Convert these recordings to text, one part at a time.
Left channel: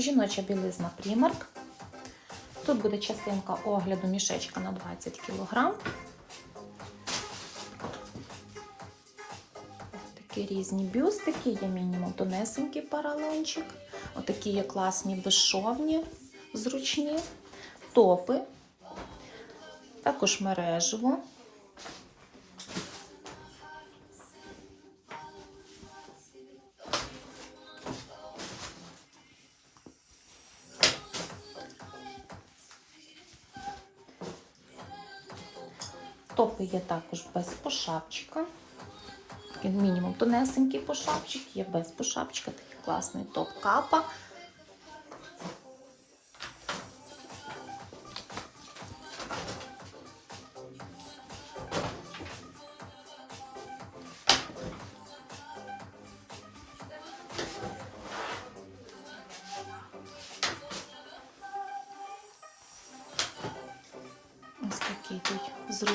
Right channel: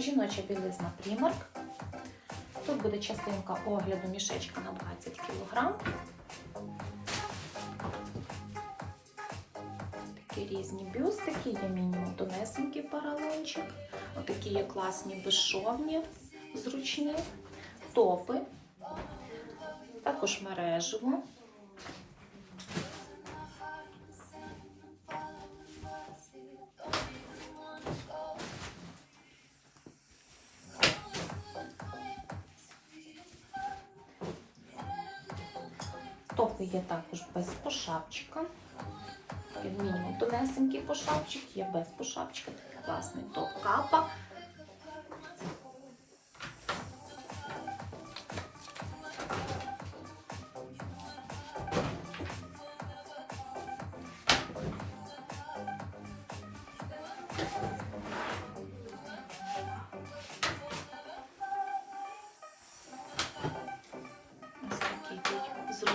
Жіноча білизна Primark. Тут буде частинка огляду мішечка на 20 кг. Такі різні бюстики, є мінімум тонесенький паралончик. Отакі є класні безшовні, зручні, топи, також мережево. Топи є також без пошапчика. Як мінімум тонесенький пошапчик, є без пошапчика, такий класний топ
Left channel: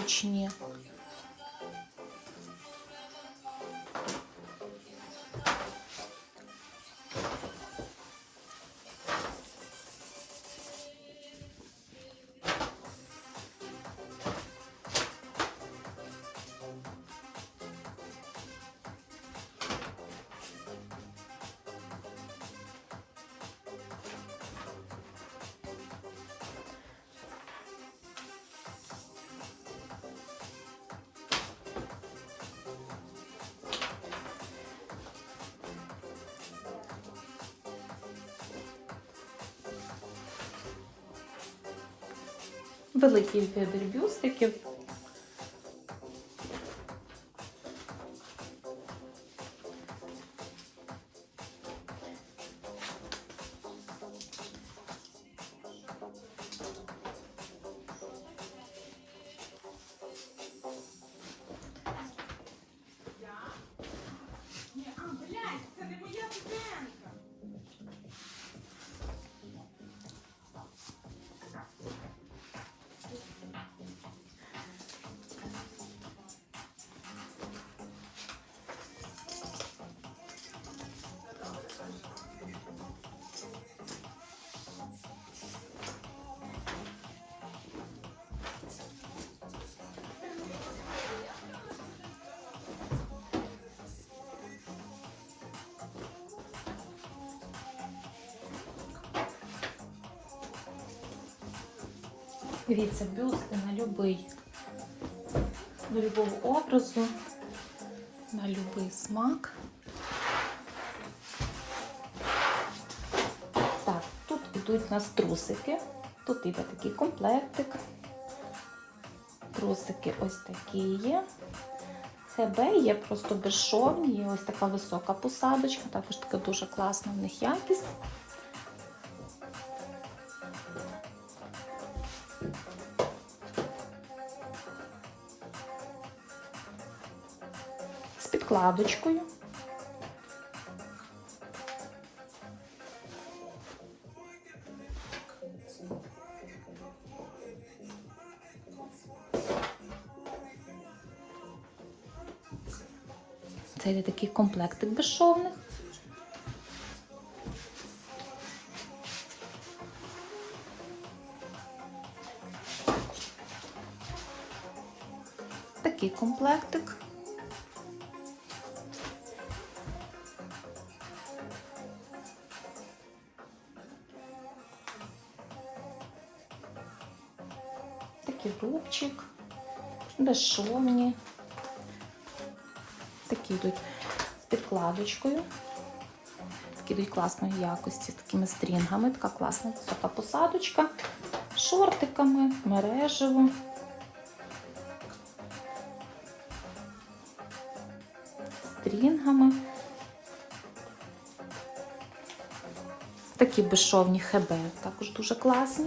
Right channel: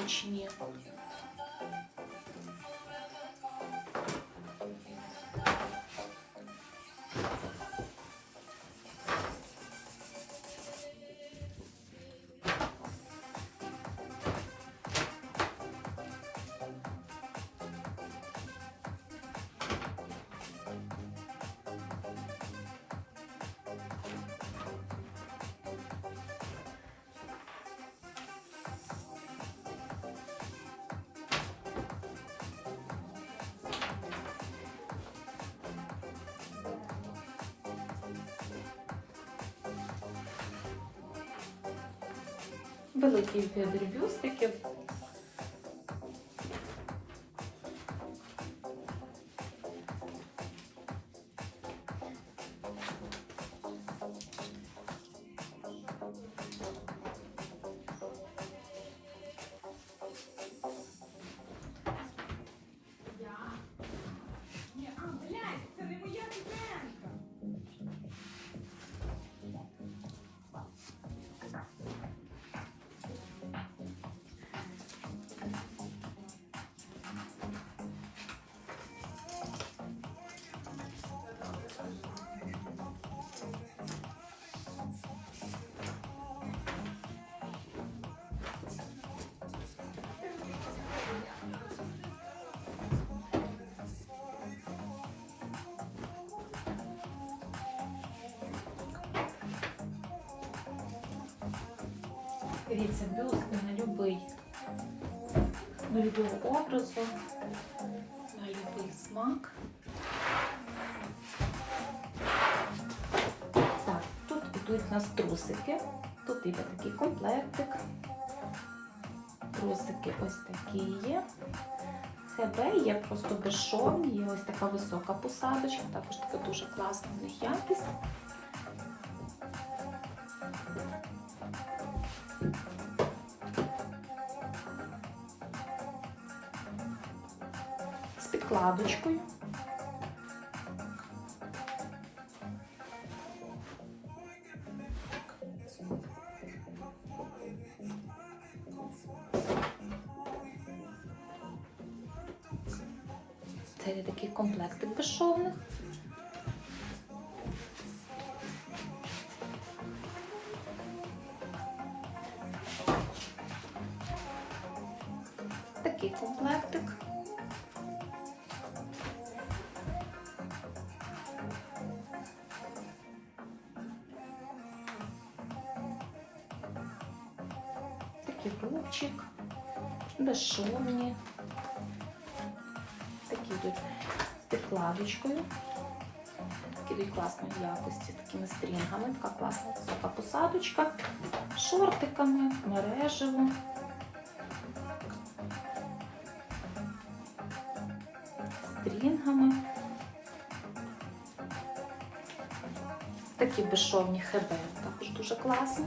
тут Великий бюстиків. Дивіться, бюсти на на любого образу, на любий смак. Так, тут йдуть у нас трусики. Тут іде такий комплектик. Трусики ось такі є. ХБ є просто безшовні, є ось така висока посадочка, також така дуже класна в них якість. З підкладочкою. Це йде такий комплектик безшовних. Такий рубчик, безшовні. Такі йдуть з підкладочкою. Такі йдуть класної якості, з такими стрінгами. Така класна висока посадочка, шортиками, мережево. Стрінгами. Такі безшовні ХБ, також дуже класні.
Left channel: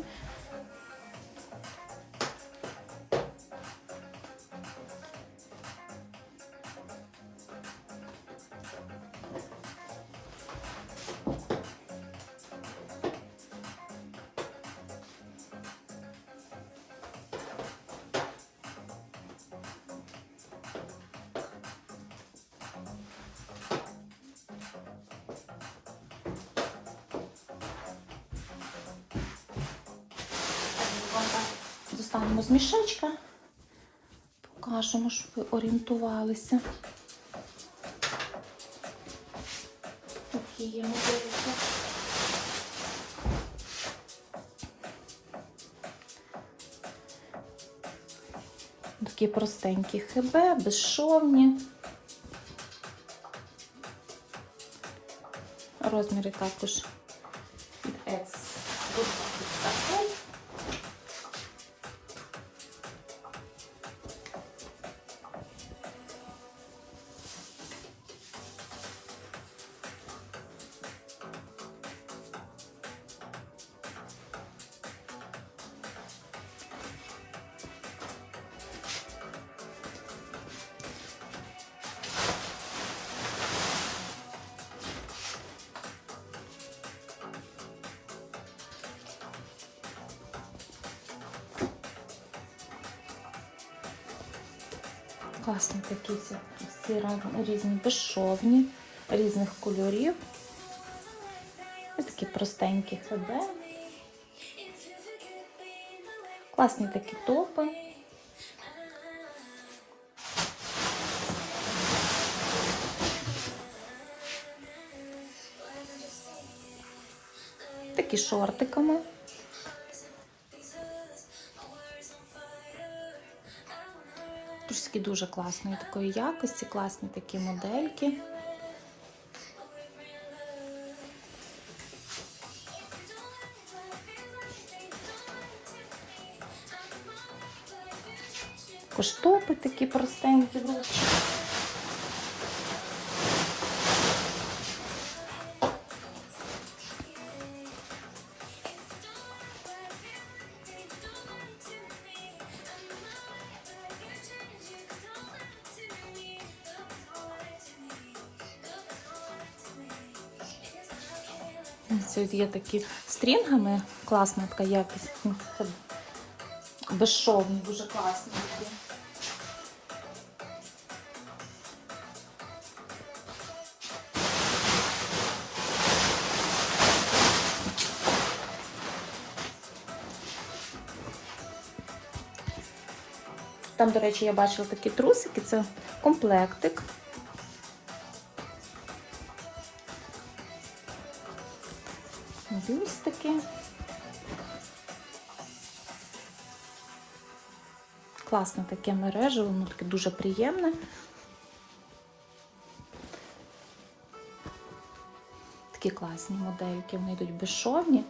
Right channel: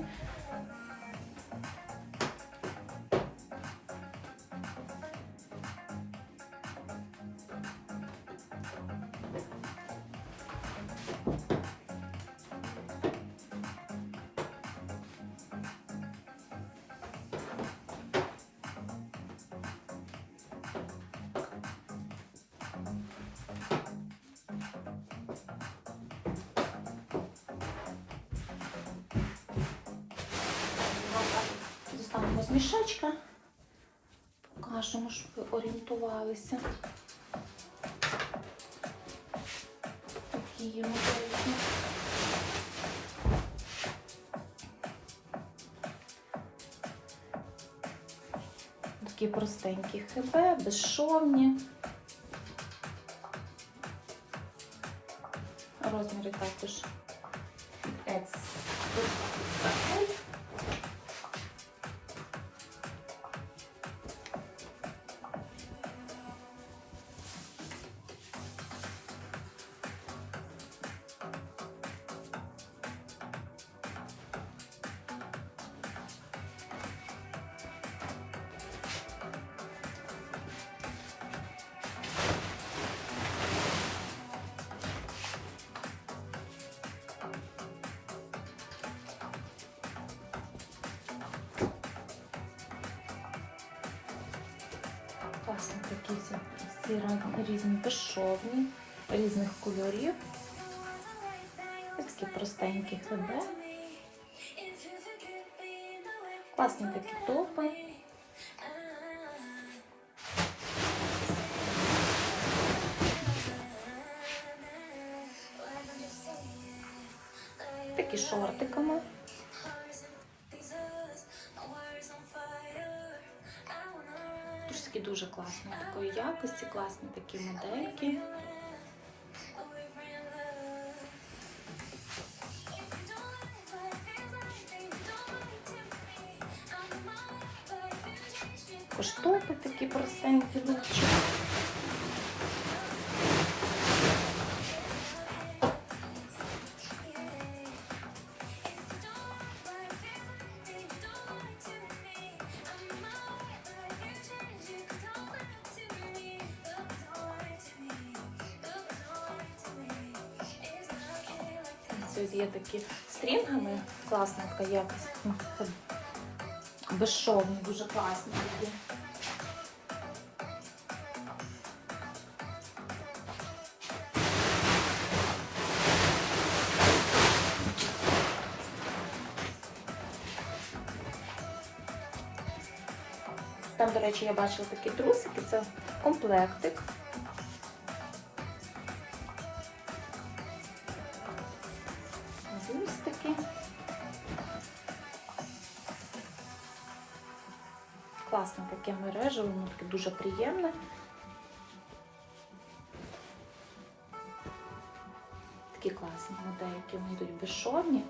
З мішечка. Покажемо, щоб ви орієнтувалися. Такі є модельки. Такі простенькі ХБ, безшовні. Розміри також від Etsy. Класні такі всі, різні безшовні, різних кольорів. Такі простенькі ХБ. Класні такі топи. Такі шортиками. Такі дуже класні такої якості, класні такі модельки. Штопи такі простенькі лучші. Ось є такі стрінгами, класна така якість. Ну, Безшовні, дуже класні такі. Там, до речі, я бачила такі трусики, це комплектик. Класне таке мереже, воно таке дуже приємне. Такі класні модельки, вони йдуть безшовні.